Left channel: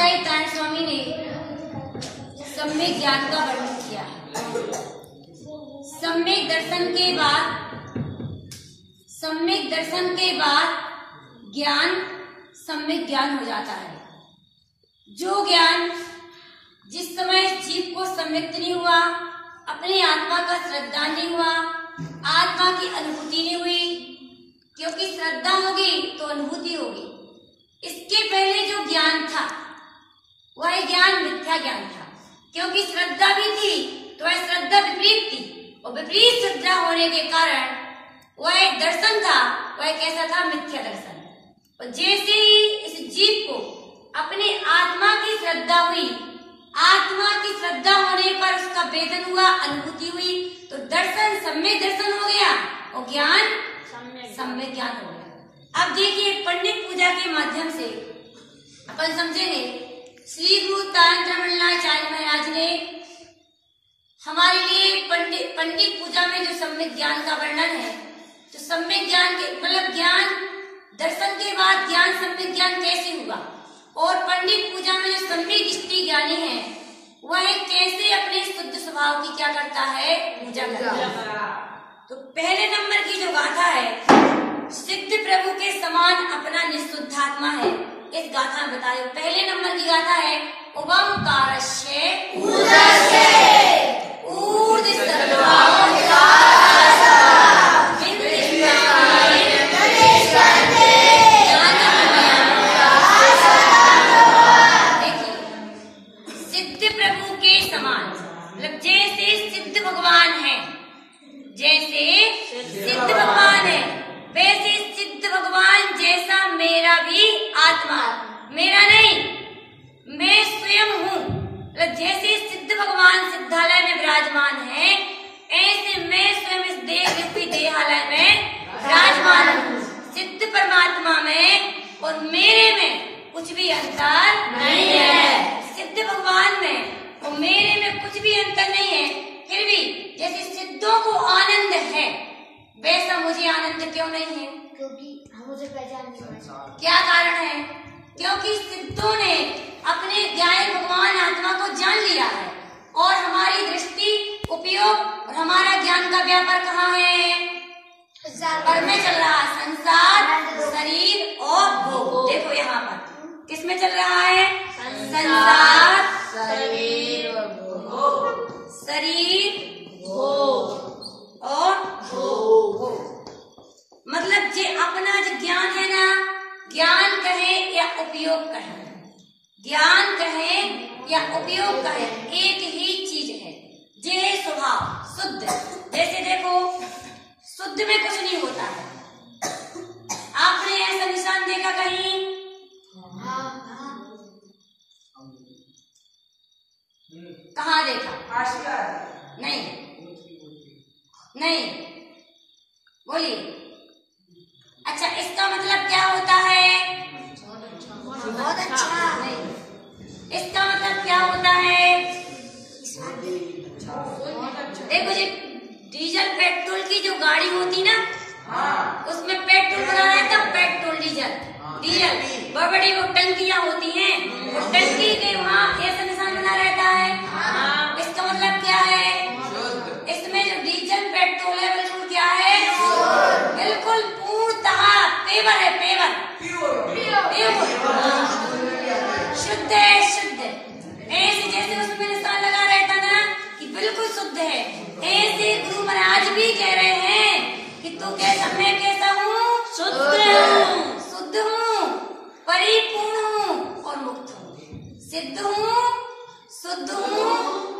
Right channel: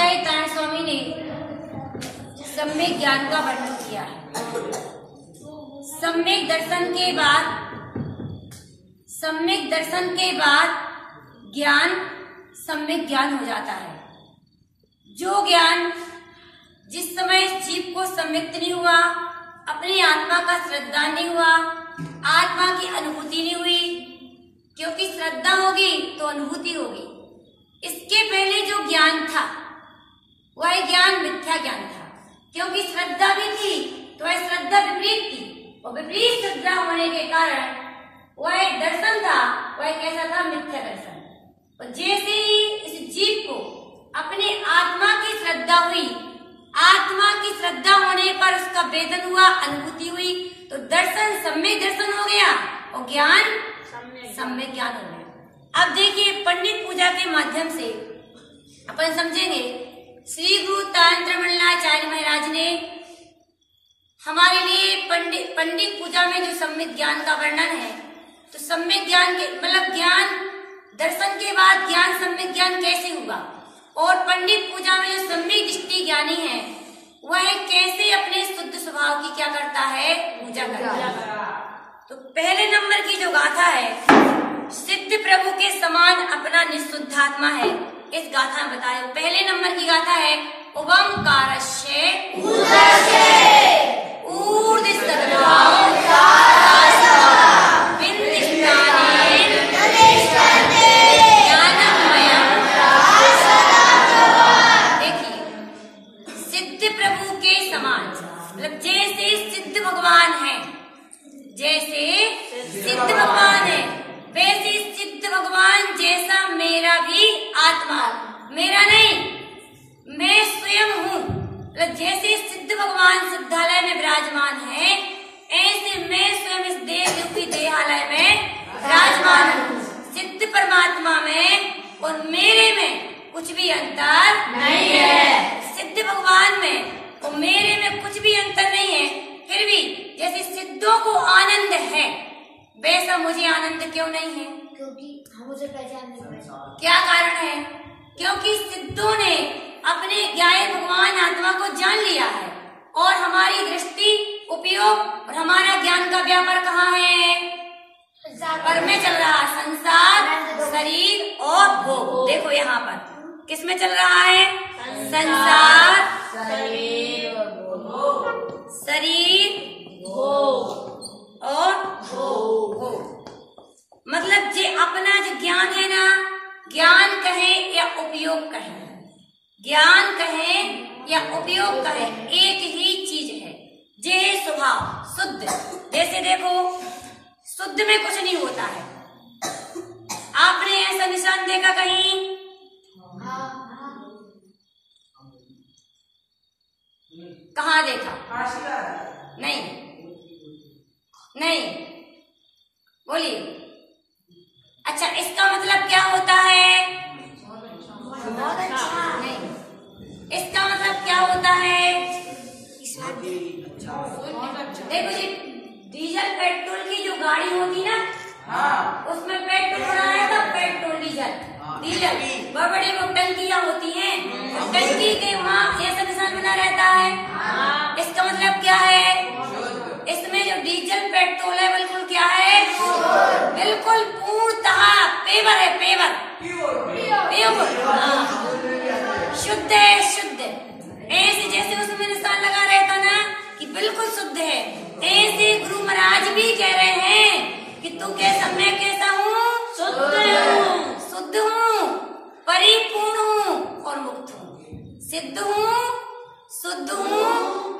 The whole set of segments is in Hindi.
आचार्य स्वामी ने सम्यक ज्ञान का वर्णन किया है। सम्यक दर्शन के बाद ज्ञान सम्यक ज्ञान हो जाता है। जो ज्ञान जिस समय जीव को सम्यक्त नहीं हुआ, अपनी आत्मा का श्रद्धा नहीं हुआ, आत्मा की अनुभूति नहीं हुई, क्योंकि श्रद्धा होगी तो अनुभूति होगी। इसके पहले जो ज्ञान था वह ज्ञान मिथ्या ज्ञान था, क्योंकि श्रद्धा भी थी तो वह श्रद्धा विपरीत थी, और विपरीत श्रद्धा होने के कारण वह एक दर्शन था, वह कैसा था? मिथ्या दर्शन। और जैसे ही इस जीव को अपनी आत्मा की श्रद्धा हुई, आत्मा की श्रद्धा होने पर उसका वेदन हुआ, अनुभूति हुई, तो दर्शन सम्यक दर्शन हो गया और ज्ञान सम्यक ज्ञान हो गया। अब देखिए, पंडित पूजा के माध्यम से अपन समझेंगे। श्री गुरु तांत्र मंडलाचार्य महाराज ने हमारे लिए पंडित पूजा में जो सम्यक ज्ञान का वर्णन है, तो सम्यक ज्ञान के मतलब ज्ञान दर्शन के बाद ज्ञान सम्यक ज्ञान कैसे हुआ, और पंडित पूजा में जो सम्यक दृष्टि ज्ञानी है वह कैसे अपने शुद्ध स्वभाव की क्या करता है? पूजा करता है। तो पहले नंबर की जो गाथा है, सिद्ध प्रभु के समान अपना निशुद्धात्मा है, इस गाथा में बताया। पहले नंबर की गाथा है ओंकारस्य ऊर्ध्व मतलब जैसे सिद्ध भगवान है, जैसे सिद्ध भगवान है वैसे सिद्ध भगवान जैसा मेरा भी आत्मा, मेरा नहीं, मैं स्वयं हूँ। मतलब जैसे सिद्ध भगवान सिद्धालय में विराजमान है, ऐसे मैं स्वयं इस देह रूपी देहालय में विराजमान हूँ। सिद्ध परमात्मा में और मेरे में कुछ भी अंतर नहीं है। सिद्ध भगवान में और मेरे में कुछ भी अंतर नहीं है। फिर भी जैसे सिद्धों को आनंद है, वैसा मुझे आनंद क्यों नहीं है? क्योंकि हम उसे पहचान नहीं पाते। क्या कारण है? क्योंकि सिद्धों ने अपने ज्ञान भगवान आत्मा को जान लिया है, और हमारी दृष्टि, उपयोग और हमारा ज्ञान का व्यापार कहाँ है? पर में चल रहा है, संसार, शरीर और भोग। देखो यहाँ पर किस में चल रहा है? संसार, शरीर, भोग और भोग। मतलब जे अपना जो ज्ञान है ना, ज्ञान कहे या उपयोग कहे, ज्ञान कहे या उपयोग कहे, एक ही चीज है। जे स्वभाव शुद्ध, जैसे देखो शुद्ध में कुछ नहीं होता है। आपने ऐसा निशान देखा कहीं? कहाँ देखा? नहीं, नहीं, बोलिए। अच्छा, इसका मतलब क्या होता है? बहुत अच्छा। नहीं, इसका मतलब क्या होता है? देखो जी, डीजल पेट्रोल की जो गाड़ी होती ना, उसमें पेट्रोल भरा है तब पेट्रोल डीजल बड़ी बड़ी वो टंकियां होती हैं, टंकी के वहाँ ऐसा निशान बना रहता है। इसका मतलब क्या है? इसमें जो डीजल पेट्रोल है बिल्कुल क्या है? बिल्कुल पूर्णतः पेवर है, पेवर, प्योर, शुद्ध है, शुद्ध। ऐसे जैसे उसमें निशान लगा रहता ना कि बिल्कुल शुद्ध है, ऐसे गुरु महाराज भी कह रहे हैं कि तू कैसा, मैं कैसा हूँ? शुद्ध हूँ, शुद्ध हूँ, परिपूर्ण हूँ और मुक्त हूँ। सिद्ध हूँ, शुद्ध हूँ,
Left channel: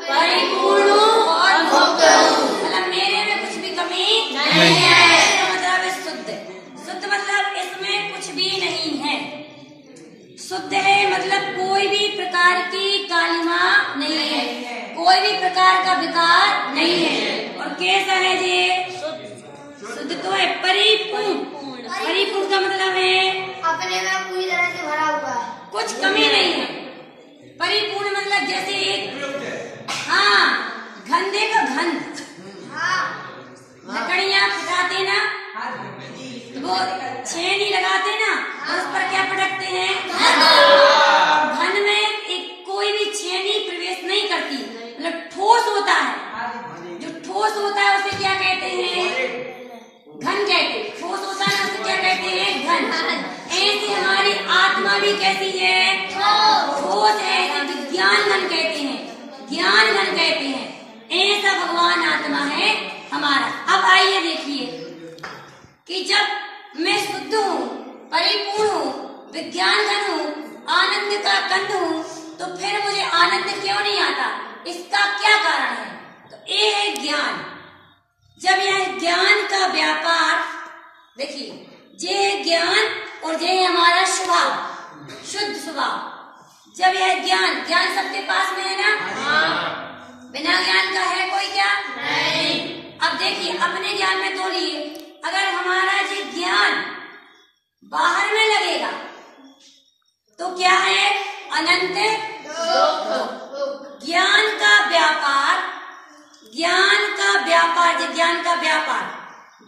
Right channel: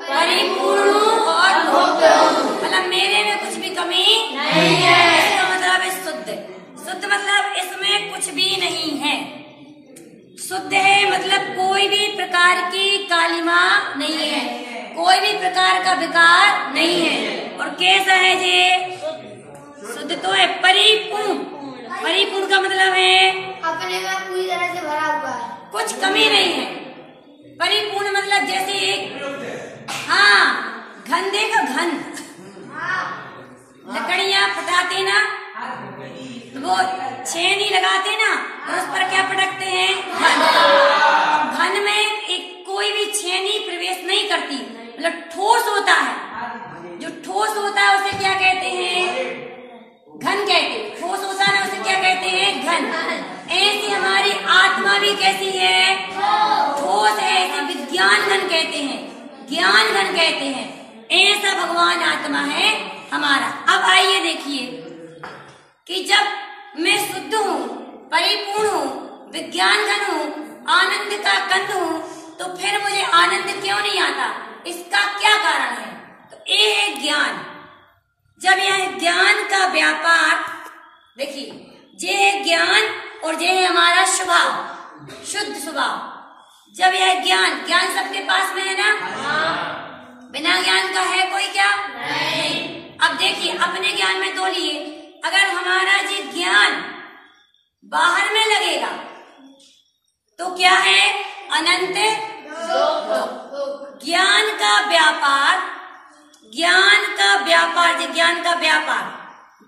परिपूर्ण हूँ और मुक्त हूँ। मतलब मेरे में कुछ भी कमी नहीं है। इसका मतलब है शुद्ध। शुद्ध मतलब इसमें कुछ भी नहीं है। शुद्ध है मतलब कोई भी प्रकार की कालिमा नहीं है, कोई भी प्रकार का विकार नहीं है। और कैसा है ये? शुद्ध तो है, परिपूर्ण। परिपूर्ण का मतलब है अपने में पूरी तरह से भरा हुआ है, कुछ कमी नहीं है। परिपूर्ण मतलब जैसे एक, हाँ, घंधे का घन, लकड़ियाँ फटाते ना, वो छेनी लगाते ना, और उस पर क्या पटकते हैं? घन में एक कोई भी छेनी प्रवेश नहीं करती, मतलब ठोस होता है। जो ठोस होता है उसे क्या कहते हैं? घन कहते हैं। ठोस होता है ना, उसे क्या कहते हैं? घन। ऐसे हमारी आत्मा भी कैसी है? ठोस है, विज्ञान घन कहते हैं, ज्ञान घन कहते हैं। ऐसा भगवान आत्मा है हमारा। अब आइए देखिए कि जब मैं शुद्ध हूँ, परिपूर्ण हूँ, विज्ञान घन हूँ, आनंद का कंद हूँ, तो फिर मुझे आनंद क्यों नहीं आता? इसका क्या कारण है? तो ये है ज्ञान। जब यह ज्ञान का व्यापार, देखिए, ये ज्ञान और ये है हमारा स्वभाव, शुद्ध स्वभाव। जब यह ज्ञान, ज्ञान सबके पास में है ना? बिना ज्ञान का है कोई क्या? नहीं। अब देखिए, अपने ज्ञान में तोलिए, अगर हमारा ये ज्ञान बाहर में लगेगा तो क्या है? अनंत दुख। ज्ञान का व्यापार, ज्ञान का व्यापार, ज्ञान का व्यापार,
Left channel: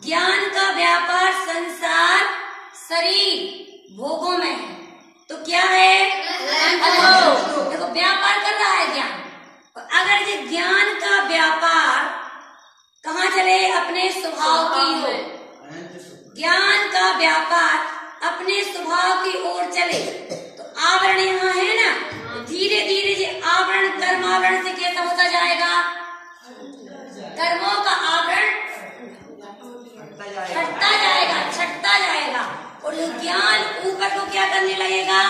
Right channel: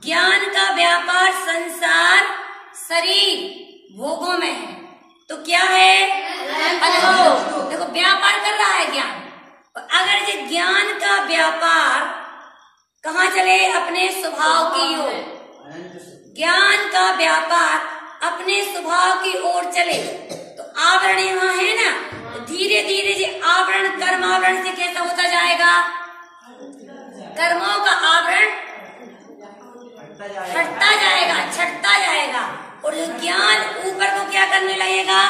ज्ञान का व्यापार संसार, शरीर, भोगों में है, तो क्या है? अनंत दुख। देखो, व्यापार कर रहा है ज्ञान। अगर ये ज्ञान का व्यापार कहाँ चले? अपने स्वभाव की ओर। ज्ञान का व्यापार अपने स्वभाव की ओर चले तो आवरण यहाँ है ना, तो धीरे धीरे ये आवरण कर्म आवरण से कैसा होता जाएगा? कर्मों का आवरण हटता जाएगा, छटता जाएगा, और जो ज्ञान ऊपर को क्या करने लगेगा?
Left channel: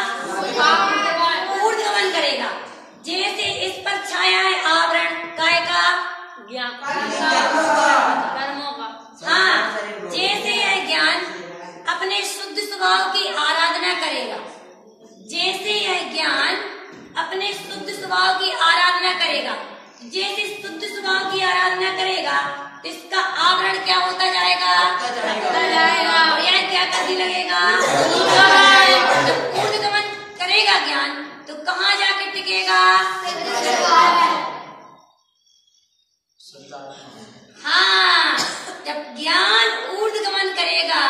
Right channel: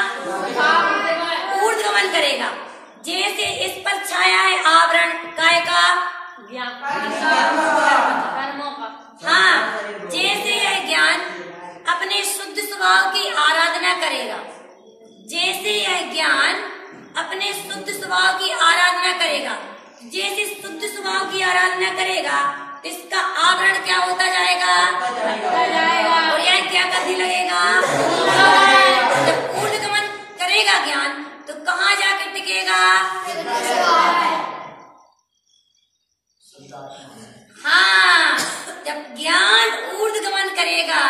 ऊर्ध्वगमन करेगा। जैसे इस पर छाया है आवरण काय का? ज्ञान, कर्मों का। हाँ, जैसे यह ज्ञान अपने शुद्ध स्वभाव की आराधना करेगा, जैसे यह ज्ञान अपने शुद्ध स्वभाव की आराधना करेगा, जैसे शुद्ध स्वभाव की आराधना करेगा, इसका आवरण क्या होता जाएगा? और यह क्या करने लगेगा? जब ऊर्ध्वगमन करेगा ज्ञान, तो कहाँ जाके टिकेगा? हाँ, जब ज्ञान ऊर्ध्वगमन करेगा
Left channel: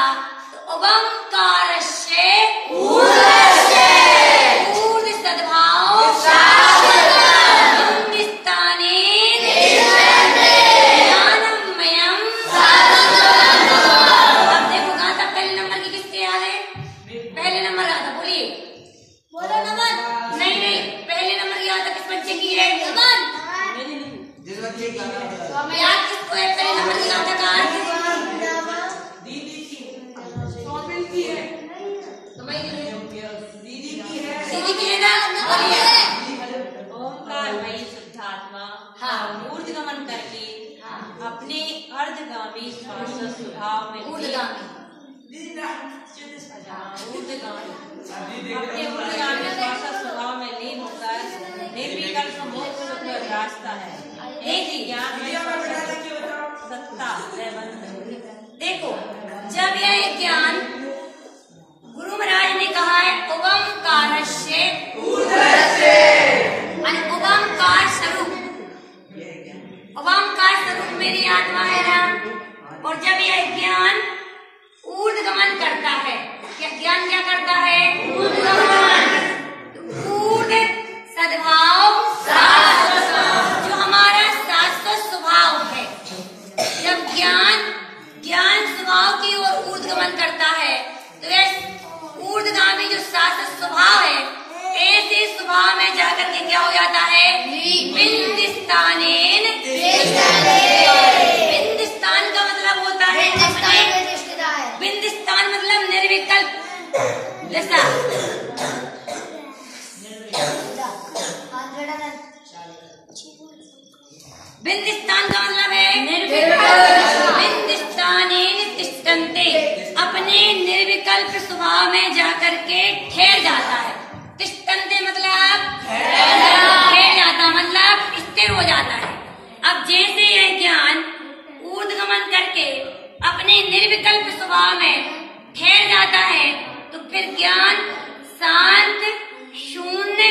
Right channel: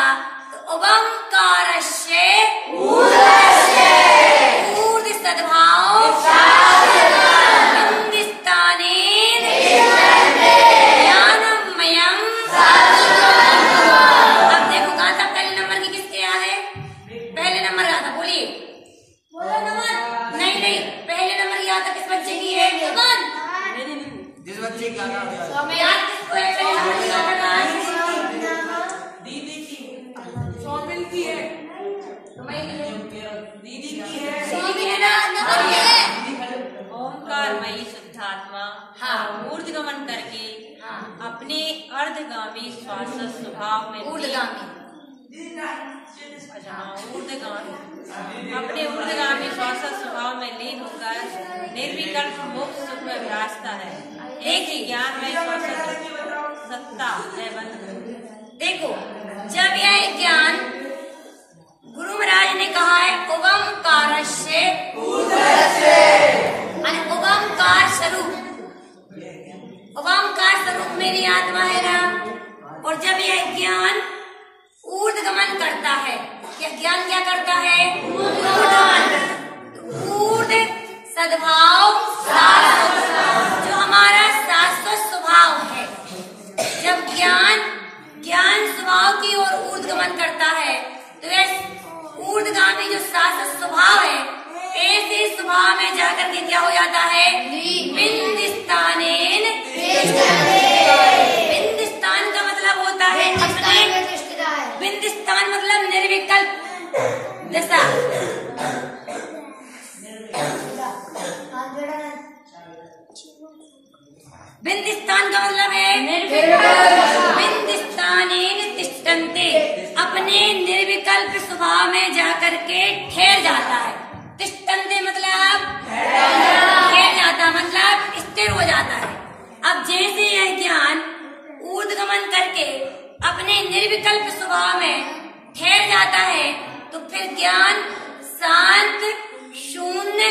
तो ओंकारस्य ऊर्ध्व सद्भाव बिंबिस्थानेन ज्ञानमयम्। अब देखो, कहाँ तक पहले नंबर की किसके याद है? पहले नंबर याद था, बोलिए। नंबर नहीं, पहले नंबर याद था किस बच्चे की है? जिस बच्चे की याद किसको है? पहले नंबर की याद था दीदी की है, दीदी की है ना? ओंकारमयी शुद्धात्मा ऊर्ध्वगमन करके अपने अर्धगामी श्वास स्वभाव में अपने ऊर्ध्वगामी श्वास स्वभाव में लीन होकर निर्विकल्प मोक्ष सुख में विराजता है। एक ही ज्ञान में सत्ता है बंध। देखो, जब यह ज्ञान गुरु महाराज ने कहा है ओंकारस्य ओंकार स्वरूप, ओंकार स्वरूप मेरी आत्मा है ना, और जब यह ज्ञान ऊर्ध्वगमन करता है, ज्ञान क्या करता है? ऊर्ध्व सद्भाव, जो हमारा शाश्वत स्वभाव है, जब ज्ञान स्वभाव की ओर ऊर्ध्वगमन करता है तो यह ऊर्ध्वगामी जो शाश्वत स्वभाव है, ऐसे स्वभाव में जाकर के क्या हो जाता है? बिंदिस्थानेन। बिंदिस्थान का मतलब होता है अपने, बिंदिस्थान मतलब निर्विकल्प दशा। बिंदिस्थान का मतलब है बिंदिस्थानेन तिष्ठन्ते, अपने निर्विकल्प स्वभाव में जाकर के ठहर जाता है। तिष्ठन्ते मतलब ठहर जाता, मतलब स्थिर हो जाता है। अब जैसे यह ज्ञान ऊर्ध्वगमन करके अपने निर्विकल्प स्वभाव में ठहर जाता है, तो फिर ज्ञान शांत, शून्य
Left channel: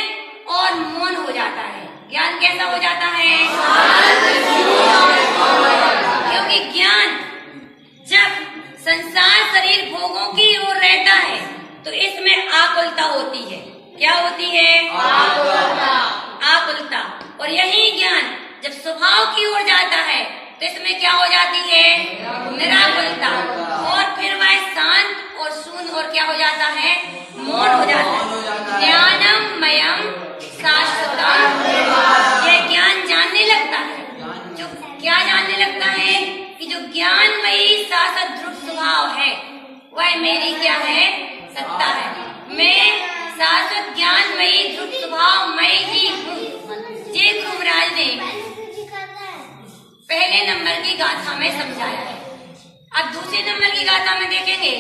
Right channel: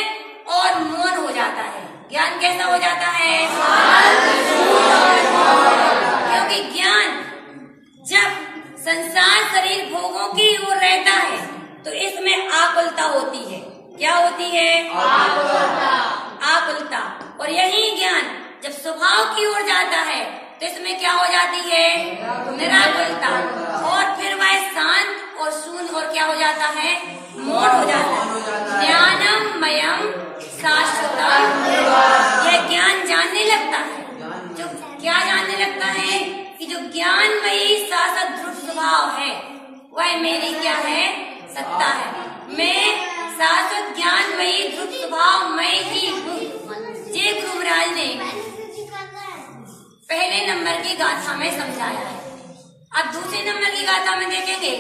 और मौन हो जाता है। ज्ञान कैसा हो जाता है? क्योंकि ज्ञान जब संसार शरीर भोगों की ओर रहता है तो इसमें आकुलता होती है। क्या होती है? आकुलता। और यही ज्ञान जब स्वभाव की ओर जाता है तो इसमें क्या हो जाती है? निराकुलता। और फिर वह शांत और शून्य और क्या हो जाता है? मौन हो जाता है। ज्ञानम मयम शाश्वतम, यह ज्ञान जानने लगता है। जो क्या जानने लगता है? कि जो ज्ञानमयी शाश्वत ध्रुव स्वभाव है वह मेरी क्या है? सत्ता है। मैं शाश्वत ज्ञानमयी ध्रुव स्वभाव मैं ही हूँ। जय गुरु महाराज ने पहले नंबर की गाथा में समझाया है। अब दूसरे नंबर की गाथा में देखेंगे।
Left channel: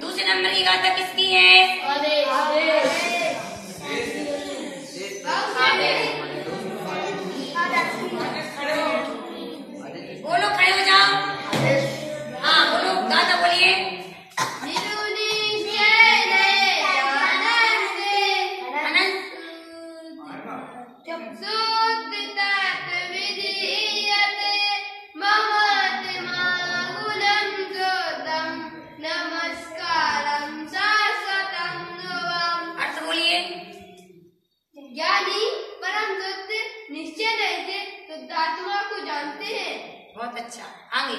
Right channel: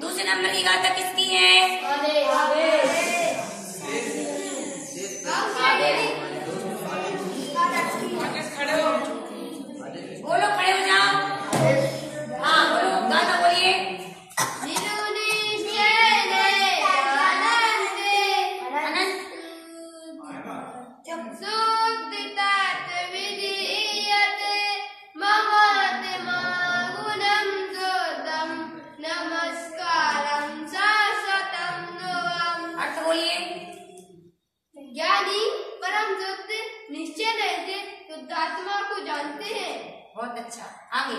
दूसरे नंबर की गाथा किसकी है? बोलो, खड़े हो जाओ। हाँ बोलो, गाथा बोलिए। ज्ञानी परम सत्य निश्चय नहीं थे शुद्धात्मा को जानते हैं। बहुत अच्छा, आगे।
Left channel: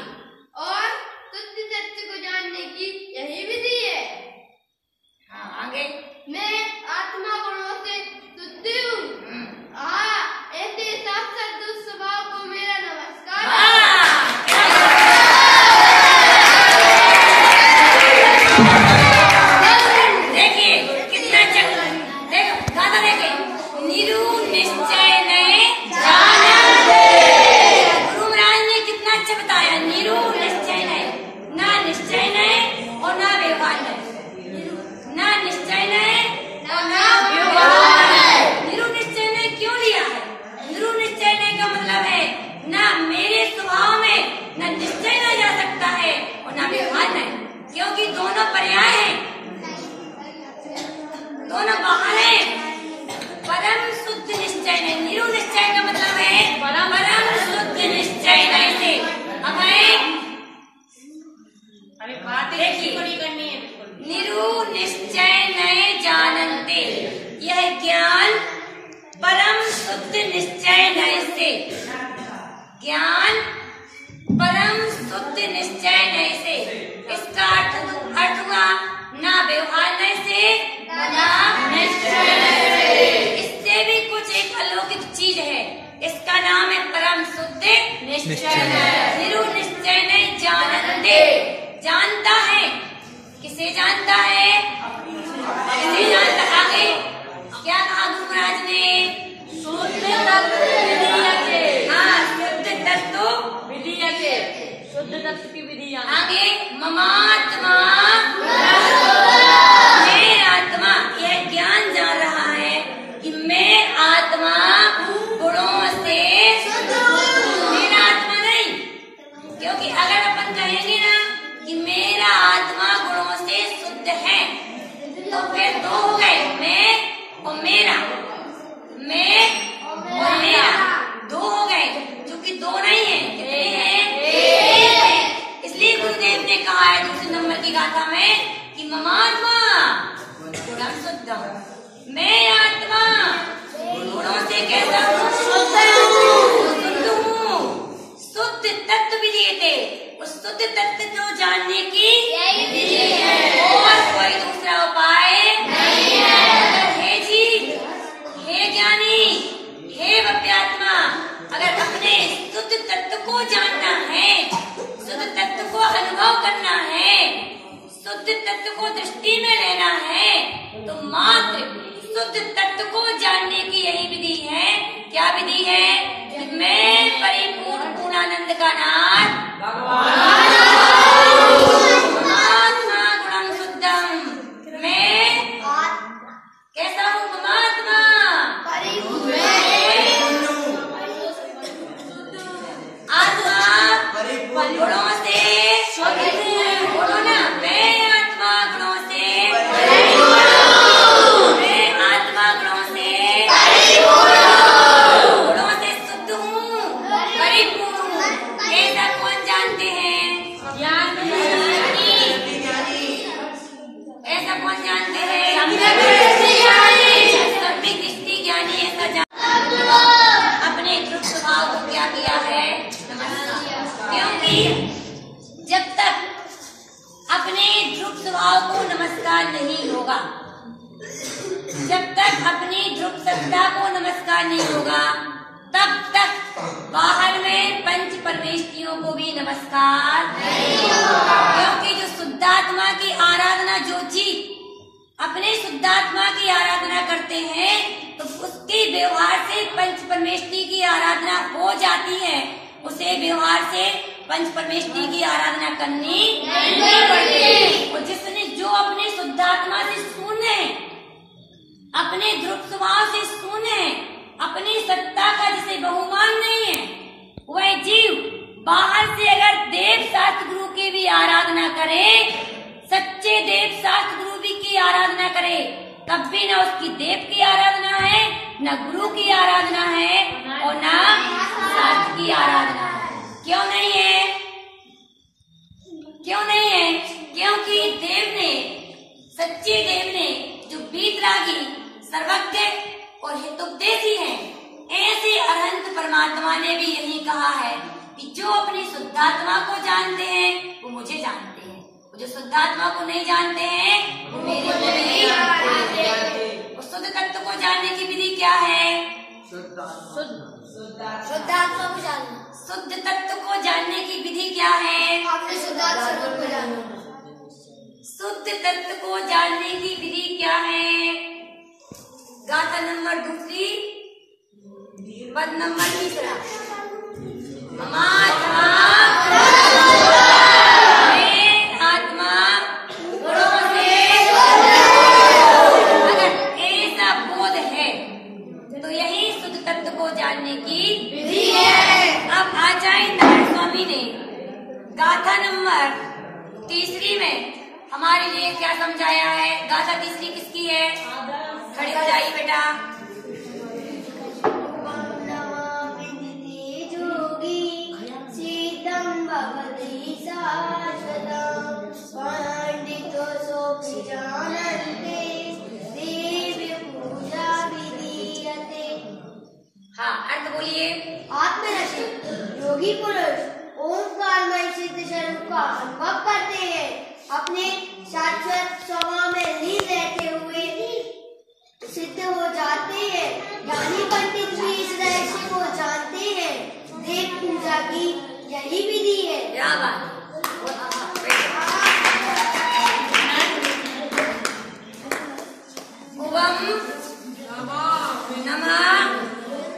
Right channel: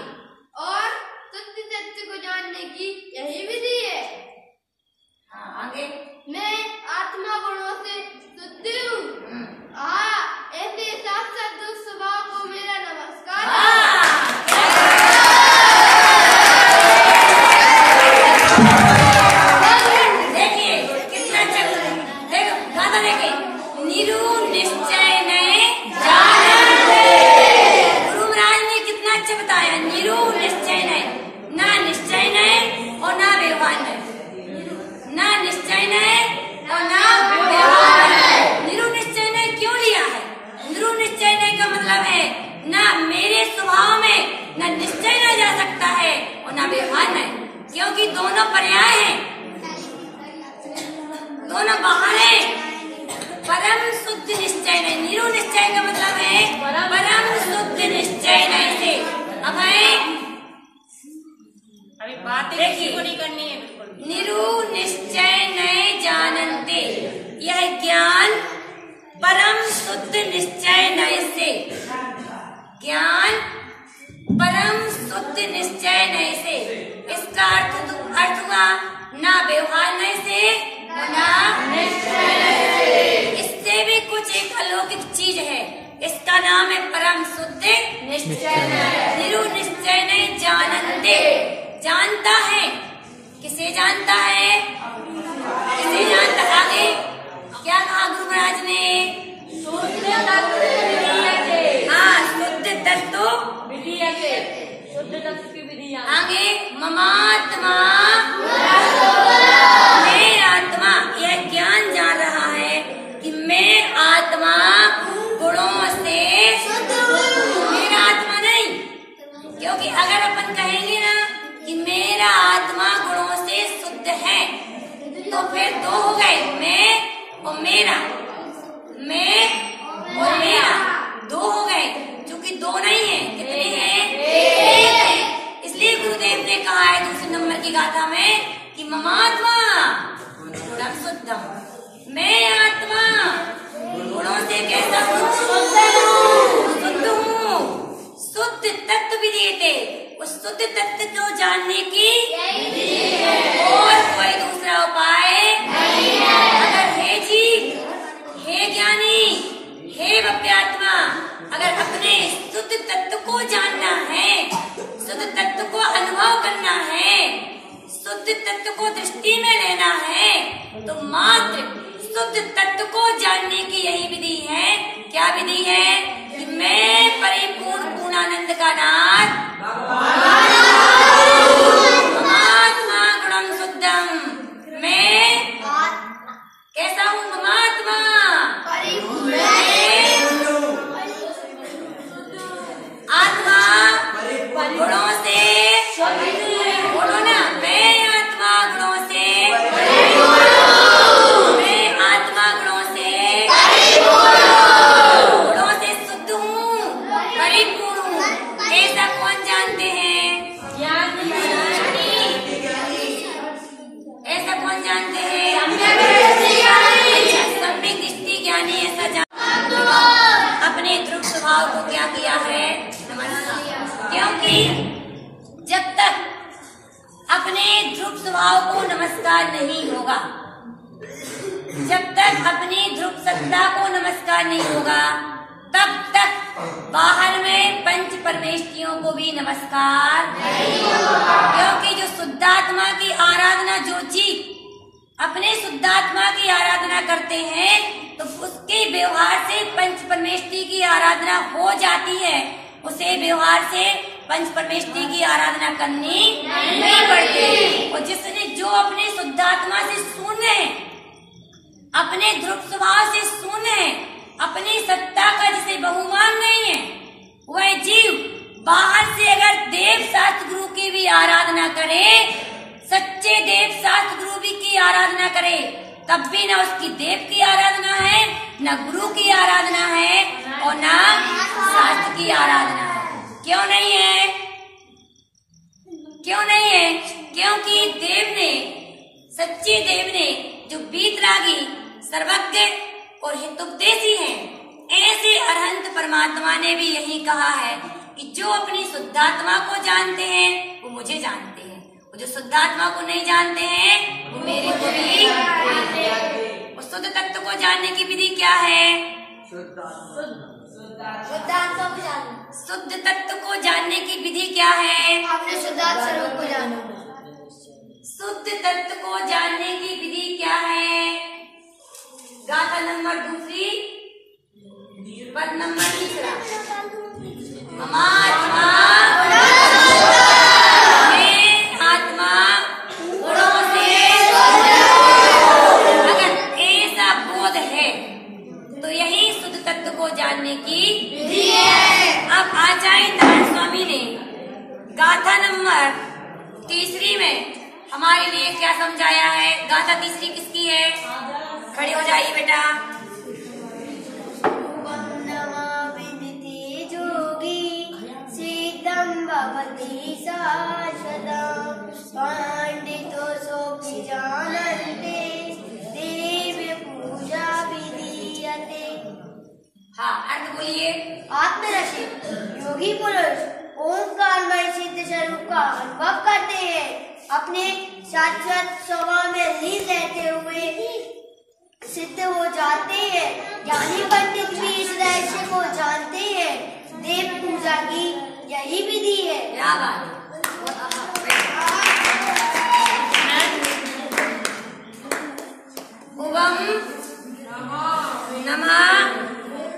और शुद्ध तत्व को जानने की यही विधि है। हाँ आगे। मैं आत्मा गुणों से शुद्ध हूँ। ऐसे साक्षात दुस्वभाव को मेरा नमस्कार। देखिए कितना देखो गाथा देखिए। निरु निश्चय नए जानते। गुरु महाराज ने कितना अच्छा बताया। निरु निश्चय नए, ना निश्चय नए और ना व्यवहार नए। ना निश्चय नए और ना व्यवहार नए। निरु निश्चय नए क्यों लिया है? निरु निश्चय नए का मतलब है ना मेरे स्वभाव में ना निश्चय न जा सकता है और ना व्यवहार नए, क्योंकि दोनों पर्याय हैं, दोनों बाहर हैं। परम शुद्ध निश्चय नहीं। निरु निश्चय का मतलब है परम शुद्ध निश्चय नहीं से। अब है अभी बातें किसी को नहीं करनी है बिल्कुल। निरु निश्चय नहीं जानते, यह ज्ञान परम शुद्ध निश्चय नहीं से। ज्ञान परम शुद्ध निश्चय नहीं से, इसका अर्थ हुआ ना व्यवहार नहीं से ना निश्चय नहीं से। इससे भी कुछ एक अलौकिक चीज है, इसका नाम है परम शुद्ध निश्चय। निरु निश्चय नहीं जानते, जानता है। किसे जानता है? किसे जानता? आगे क्या कहा गुरु महाराज ने? हाँ, शुद्ध तत्व विधीयते, शुद्ध तत्व की विधि। आगे ममात्मा, मैं आत्मा, यह ज्ञान जान रहा है कि मैं आत्मा गुणों से मेरा आत्मा नहीं। क्योंकि अगर अपन कहेंगे ना कि मेरा आत्मा गुणों से शुद्ध है तो फिर दो हो गए, मैं और मेरा। मैं और मेरा दो हो गए, क्योंकि दो नहीं है। कितने हैं? एक है। इसलिए गुरुदेव ने कहा है दूसरे नंबर की गाथा में कि ममात्मा गुणम शुद्धम, मैं आत्मा गुणों से कैसा हूँ? शुद्ध हूँ। शुद्ध तत्व भी देते, उस शुद्ध तत्व को जानने की और कोई दूसरा उपाय नहीं है। अगर हे जीव, हे ज्ञानी, हे भव्यात्मा, अगर अपने शुद्ध तत्व को जानना है, शुद्ध तत्व को अनुभव करना है, शुद्ध तत्व को दृष्टि में लेना है, तो मात्र शुद्ध तत्व को जानने की यही विधि है। क्या विधि है? कि मैं परिपूर्ण पूर्णानंद का नाथ परमात्मा गुणम शुद्धम, मैं कैसा हूँ? परमात्मा आत्मा गुणों से, बोलो ना, मैं आत्मा गुणों से, मैं आत्मा गुणों से शुद्ध हूँ, परिपूर्ण हूँ। ऐसा कौन जानते हैं? ऐसा कौन जानते हैं? ध्रुव स्वभाव को नमस्कार नहीं होगा, जब तक अपनी ध्रुव सत्ता को नमस्कार नहीं होगा, तब तक बाहर में पंच परमेष्ठियों को भी नमस्कार नहीं होगा। क्योंकि जो शुद्धात्मा की आराधना, जो जीव अपने शुद्धात्मा की आराधना करते हैं, तो उसके व्यवहार से पंच परमेष्ठी की आराधना हो जाती है। उसे व्यवहार से पंच परमेष्ठी की आराधना करनी नहीं पड़ती। और जिसने जो अपने शुद्धात्मा से शून्य है, अपने ध्रुव स्वभाव से शून्य है, अपनी सत्ता का जिसे बहुमान नहीं है, वह जीव बाहर से अगर देव शास्त्र गुरु की भी आराधना करे, सच्चे देव शास्त्र गुरु भी की आराधना करे, तब भी न उसकी देव की आराधना है, न गुरु की आराधना है और न शास्त्र की आराधना है। क्यों नहीं है? क्यों नहीं है? क्योंकि देव ने, सच्चे देव ने, जो वीतरागी, सर्वज्ञ और हितोपदेशी हैं, ऐसे अरहंत परमात्मा ने भी यही कहा है कि जो अपनी शुद्धात्मा को जानते हैं वो मुझे जानते हैं, और जो शुद्धात्मा को नहीं जानते हैं वो मेरे को भी जानते हैं। और शुद्ध तत्व को जानने की विधि क्या है? शुद्ध तत्व को जानने की विधि क्या है? अपने शुद्धात्मा स्वरूप को जानो। शुद्ध तत्व को जानने की विधि क्या है? गाथा नंबर 2, पद नंबर 3। ममात्मा में आत्मा गुणों से, अगर ऐसा बोध है तो यही शुद्ध तत्व को जानने की विधि है। अब आचार्य नारायण स्वामी ने गाथा नंबर 3 में हमारे लिए क्या समझाया है? गाथा 3 किसकी है? खड़ी हो जाइए बेटा। भवति शाश्वतं पांडितो सोऽपि जानन्ते देव पूजा विधीयते। हाँ, अर्थ बोलिए। आत्मरसिक योगी पुरुष ओंकारमय सिद्ध स्वरूप का अनुभव करते हैं, अपने शाश्वत स्वभाव में लीन रहते हुए सिद्ध हो जाते हैं। ज्ञानी पंडित भी इस रहस्य को जानते हैं। देव पूजा की यही विधि है। क्या बात। ओम नमः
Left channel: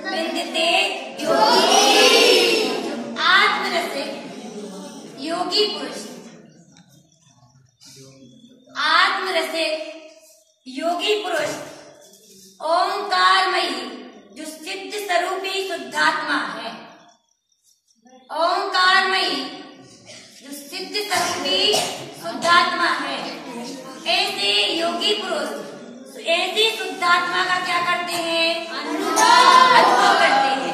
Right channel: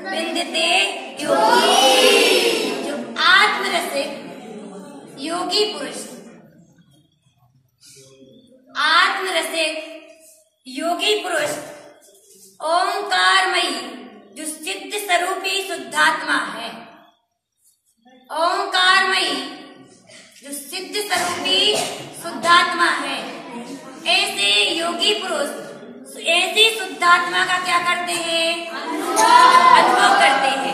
विंदते योगी, जो आत्मरसिक योगी पुरुष, आत्मरसिक योगी पुरुष ओंकारमयी जो सिद्ध स्वरूपी शुद्धात्मा है, ओंकारमयी जो सिद्ध स्वरूपी शुद्धात्मा है, ऐसे योगी पुरुष ऐसी शुद्धात्मा का क्या करते हैं? अनुभव करते हैं।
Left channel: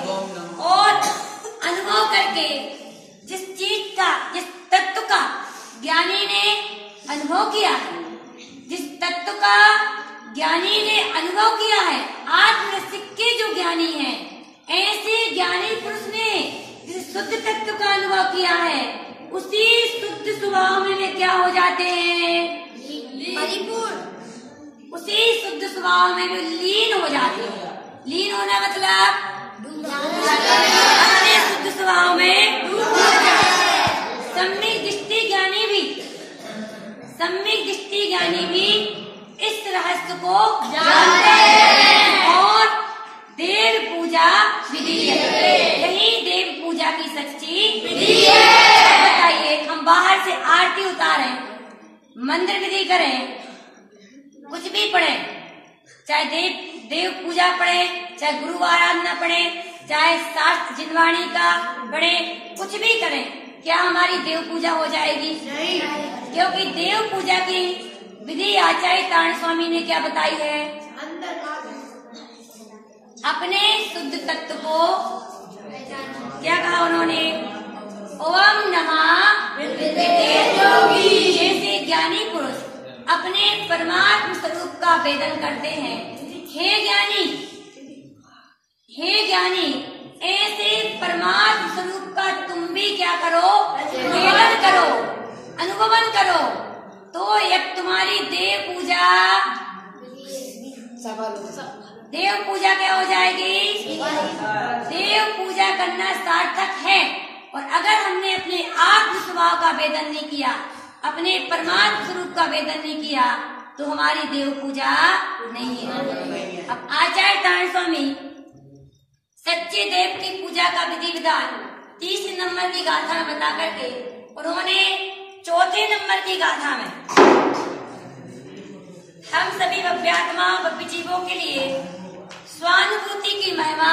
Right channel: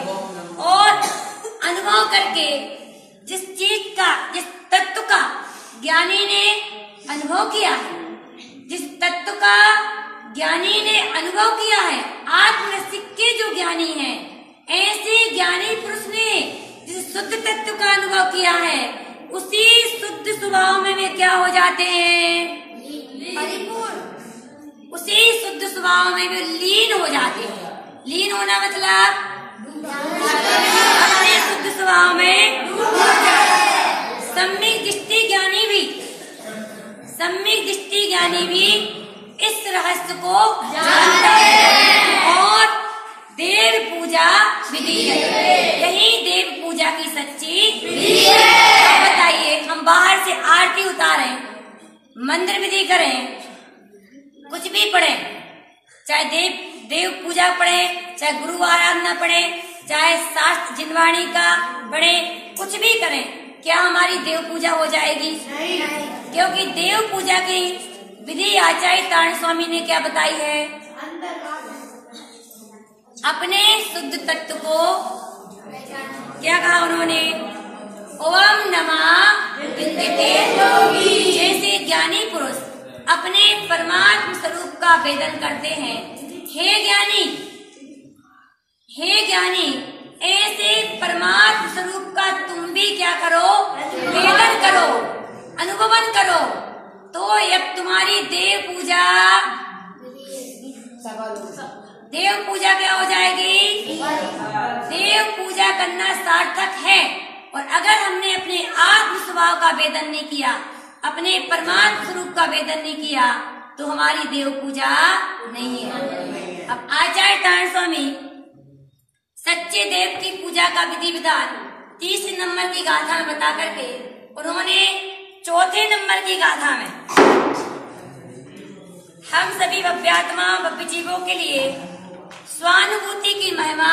और अनुभव करके जिस चीज का, जिस तत्व का ज्ञानी ने अनुभव किया है, जिस तत्व का ज्ञानी ने अनुभव किया है, आत्मरसिक के जो ज्ञानी है, ऐसे ज्ञानी पुरुष ने जिस शुद्ध तत्व का अनुभव किया है, उसी शुद्ध स्वभाव में वे क्या हो जाते हैं? उसी शुद्ध स्वभाव में वे लीन हो जाते हैं। लीन होना मतलब अपने शुद्ध स्वभाव में डूब जाते हैं। सम्यक दृष्टि ज्ञानी भी, सम्यक दृष्टि ज्ञानी भी इस रहस्य को जानता है और देव पूजा विधि है। यही देव पूजा की सच्ची विधि है। अब बताइए, हम बाहर से आरती उतारें, मंत्र विधि करें, कुछ भी पढ़े, चाहे देव पूजा पढ़े, चाहे गुरु आराधना पढ़े, चाहे शास्त्र जिनवाणी का पढ़े, कुछ भी करें, क्या हमारी देव पूजा हो जाएगी? नहीं। क्योंकि देव पूजा की विधि आचार्य नारायण स्वामी ने क्या बताई है? अपने शुद्ध तत्व को क्या कहा उन्होंने? ओम नमः विद्यते योगी। जैसे ज्ञानी पुरुष अपने परमात्म स्वरूप का वेदन करते हैं, हे ज्ञानी, हे ज्ञानी, ऐसे परमात्म स्वरूप का तुम भी क्या करो? वेदन करो, अनुभवन करो, तो तुम्हारी देव पूजा क्या हो जाएगी? देव पूजा करना सार्थक है। और अगर हमने अपने आत्म स्वभाव का वेदन नहीं किया, अपने परमात्म स्वरूप का वेदन नहीं किया, तो हमारी देव पूजा नहीं है। अब आचार्य नारायण स्वामी सच्चे देव की पूजा का विधि विधान 30 नंबर की गाथा में बता करके उन्होंने 4थे नंबर की गाथा में हम सभी भव्यात्मा भव्य जीवों के लिए स्वानुभूति की महिमा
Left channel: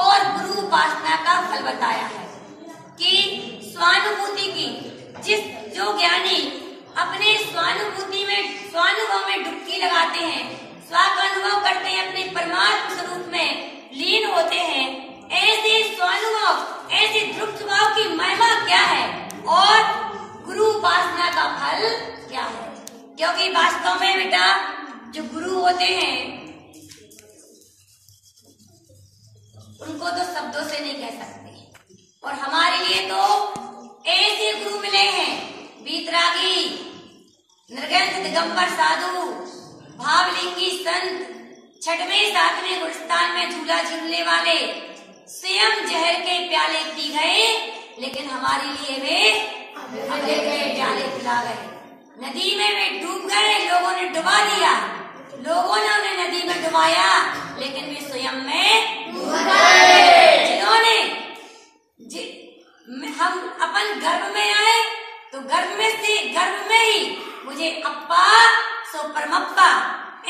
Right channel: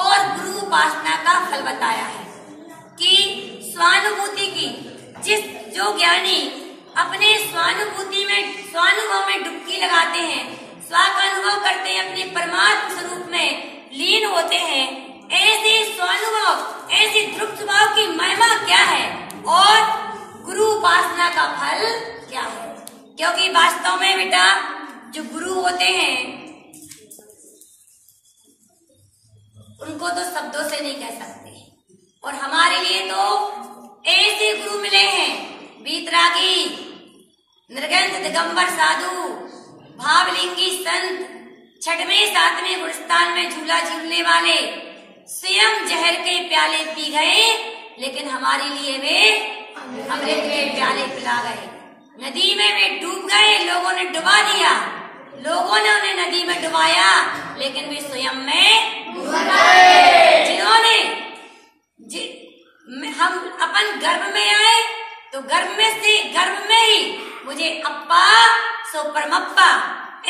और गुरु उपासना का फल बताया है कि स्वानुभूति की जो ज्ञानी अपने स्वानुभव में डुबकी लगाते हैं, स्व का अनुभव करते हैं, अपने परमात्म स्वरूप में लीन होते हैं, ऐसे स्वानुभव, ऐसे दृढ़ स्वभाव की महिमा क्या है और गुरु उपासना का फल क्या है। क्योंकि वास्तव में बेटा जो गुरु होते हैं उनको तो शब्दों से नहीं कह सकते, और हमारे लिए तो ऐसे गुरु मिले हैं, वीतरागी, निर्गंध दिगंबर साधु, भावलिंगी संत, 6वें 7वें गुणस्थान में झूला झूलने वाले, स्वयं जहर के प्याले पी गए, लेकिन हमारे लिए वे अमृत के प्याले पिला गए। नदी में वे डूब गए, लोगों ने डुबा दिया, लोगों ने उन्हें नदी में डुबाया, लेकिन वे स्वयं में जिन्होंने हम अपन गर्भ में आए तो गर्भ में ही मुझे अप्पा सो परमप्पा,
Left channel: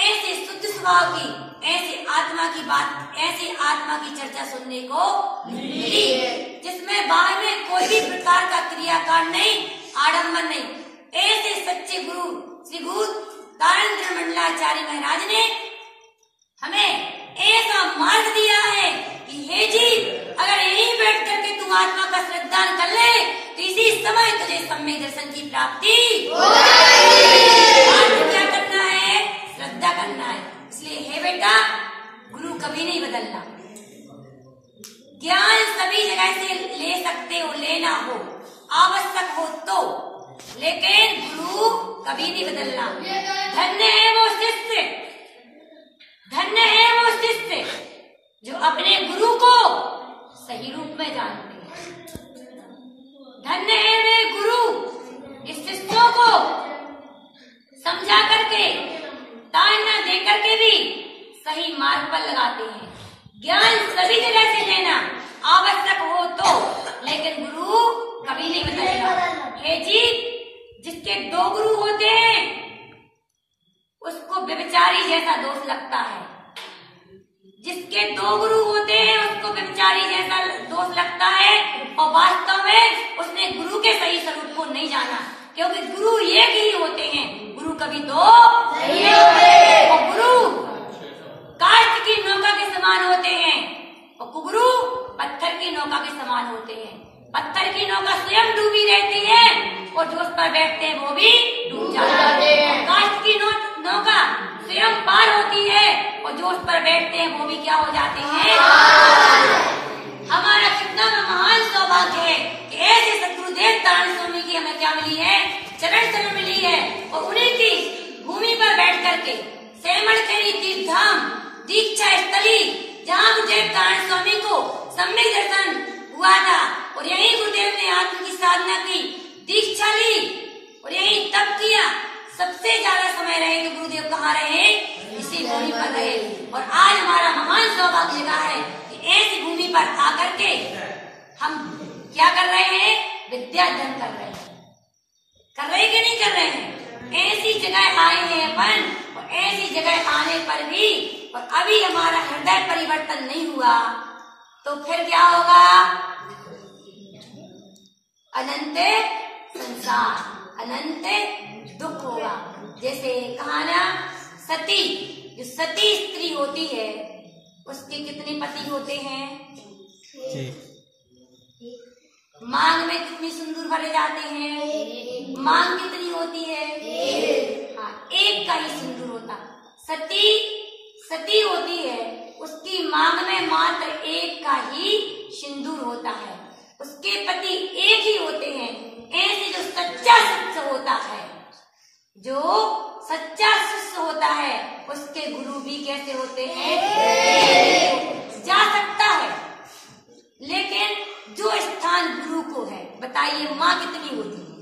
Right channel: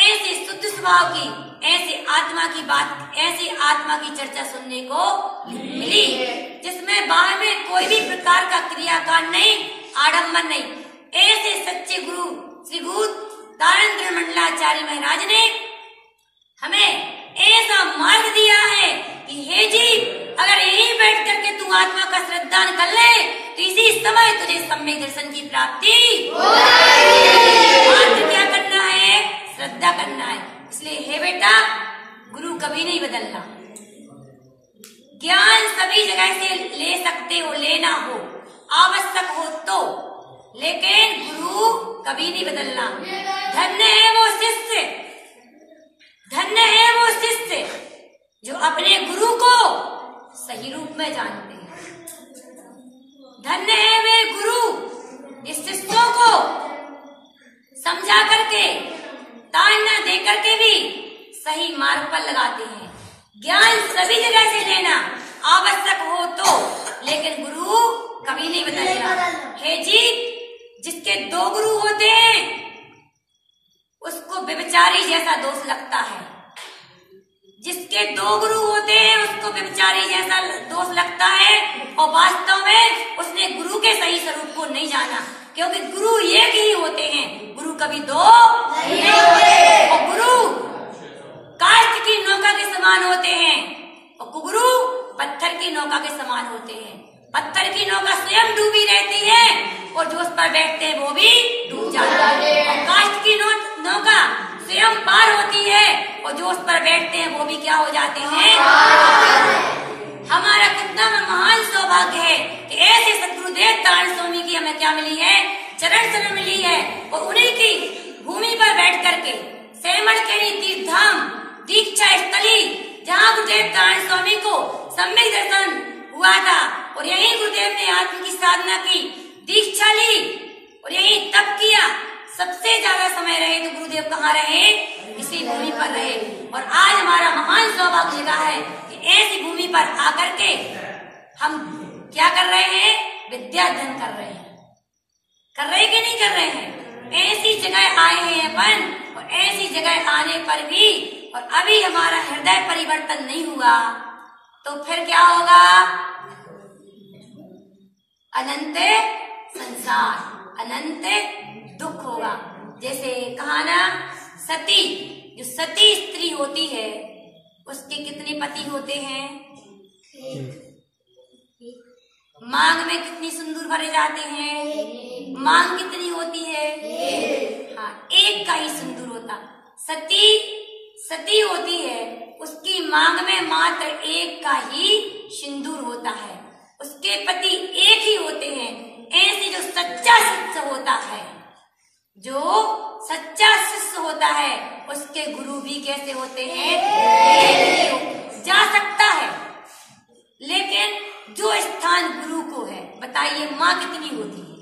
ऐसे शुद्ध स्वभाव की, ऐसे आत्मा की बात, ऐसी आत्मा की चर्चा सुनने को मिली, जिसमें बाहर में कोई भी प्रकार का क्रियाकांड नहीं, आडंबन नहीं। ऐसे सच्चे गुरु श्री गुरु तारंत्र मंडलाचार्य महाराज ने हमें ऐसा मार्ग दिया है कि हे जीव, अगर यहीं बैठ करके तू आत्मा का श्रद्धान कर ले तो इसी समय तुझे सम्यक दर्शन की प्राप्ति क्या करना है? श्रद्धा करना है। इसलिए हे बेटा, गुरु कभी नहीं बदलना। ज्ञान सभी जगह से ले सकते हो, लेना हो, आवश्यक हो तो, लेकिन गुरु कभी नहीं बदलना। धन्य है वो शिष्य, धन्य है वो शिष्य जो अपने गुरु को सही रूप में जानते हैं। धन्य है वे गुरु इस शिष्यों को समझा करके, ताड़ना दे करके भी सही मार्ग पर लगाते हैं। ज्ञान सभी जगह से लेना आवश्यक हो तो, लेकिन गुरु कभी नहीं बदलेगा। हे जीव, जिसके 2 गुरु होते हैं उसको व्यभिचारी जैसा दोष लगता है, जिसके 2 गुरु होते हैं उसको व्यभिचारी जैसा दोष लगता है, और वास्तव में उसने गुरु के सही स्वरूप को नहीं जाना, क्योंकि गुरु एक ही होते हैं, गुरु कभी 2 नहीं होते। और गुरु काष्ठ की नौका के समान होते हैं और कुगुरु पत्थर की नौका के समान होते हैं। पत्थर की नौका स्वयं डूबी रहती है और जो उस पर बैठते हैं वो भी डूब जाता है, और काष्ठ की नौका स्वयं पार होती है और जो उस पर बैठते हैं वो भी क्या हो जाते हैं? हमारा कितना महान सौभाग्य है कि ऐसे सद्गुरुदेव तारण स्वामी की हमें क्या मिली है? चरण शरण मिली है, और उन्हीं की भूमि पर बैठ करके सेमड़ के तीर्थ धाम दीक्षा स्थली, जहाँ गुरुदेव तारण स्वामी को सम्यक दर्शन हुआ था, और यही गुरुदेव ने आत्म की साधना की, दीक्षा ली और यही तप किया। सबसे ज्यादा समय रहे तो गुरुदेव कहाँ रहे? इसी भूमि पर रहे। और आज हमारा महान सौभाग्य लगा है कि ऐसी भूमि पर आकर के हम क्या कर रहे हैं? विद्या अध्ययन कर रहे हैं। कर रहे कि नहीं कर रहे हैं? ऐसी जगह आए हैं अपन, और ऐसी जगह आने पर भी और अभी हमारा हृदय परिवर्तन नहीं हुआ तो फिर क्या होगा? अनंत संसार, अनंत दुख होगा। जैसे कहा ना, सती, जो सती स्त्री होती है उसके कितने पति होते हैं? मांग में कितनी सिंदूर भरे जाते हैं? मांग कितनी होती है? हाँ, एक का ही सिंदूर होता। सती होती है, उसकी मांग में मात्र एक का ही सिंदूर होता है, उसके पति एक ही होते हैं। ऐसे जो सच्चा सत्य होता है जो सच्चा शिष्य होता है उसके गुरु भी कैसे होते हैं? जा सकता है, लेकिन जो स्थान गुरु को है, बताइए माँ कितनी होती है?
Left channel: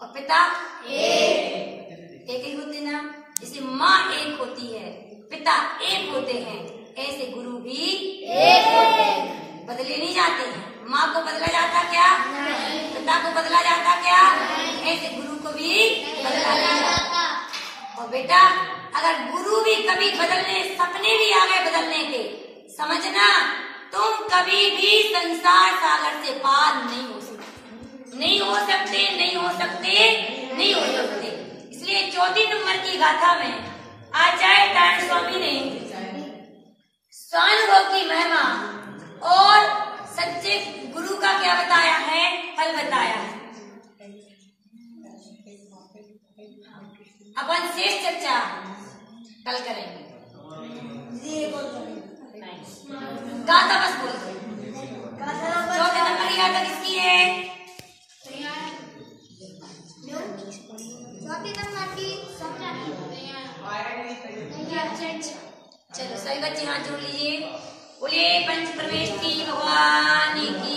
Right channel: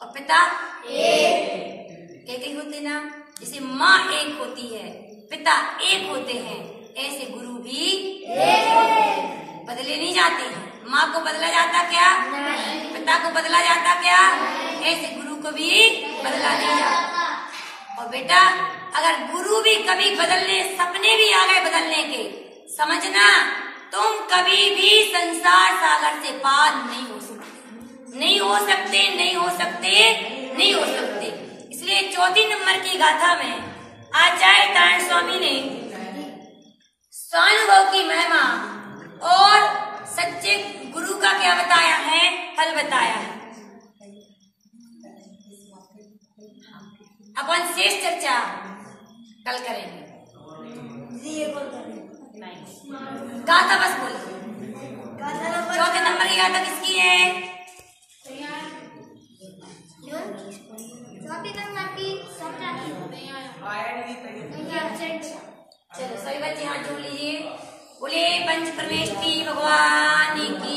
और पिता एक ही होते ना। जैसे माँ एक होती है, पिता एक होते हैं, ऐसे गुरु भी बदले नहीं जाते हैं। माँ को बदला जाता क्या? पिता को बदला जाता क्या? ऐसे गुरु को भी बदला नहीं जाता। और बेटा, अगर गुरु भी कभी बदलने, सपने भी आ गए बदलने के, समझना तुम कभी भी संसार सागर से पार नहीं हो सकते, नहीं हो सकते, नहीं हो सकते, नहीं हो सकते। इसलिए 4 नंबर की गाथा में आचार्य नारायण स्वामी ने स्वानुभव की महिमा और सच्चे गुरु का क्या बताया है? फल बताया है। अपन शेष चर्चा कल करेंगे। गाथा बस बोलो। 4 नंबर की गाथा किसकी है? चलो सभी बच्चे हाथ जोड़ लीजिए। बोले पंच परमेश की भगवान की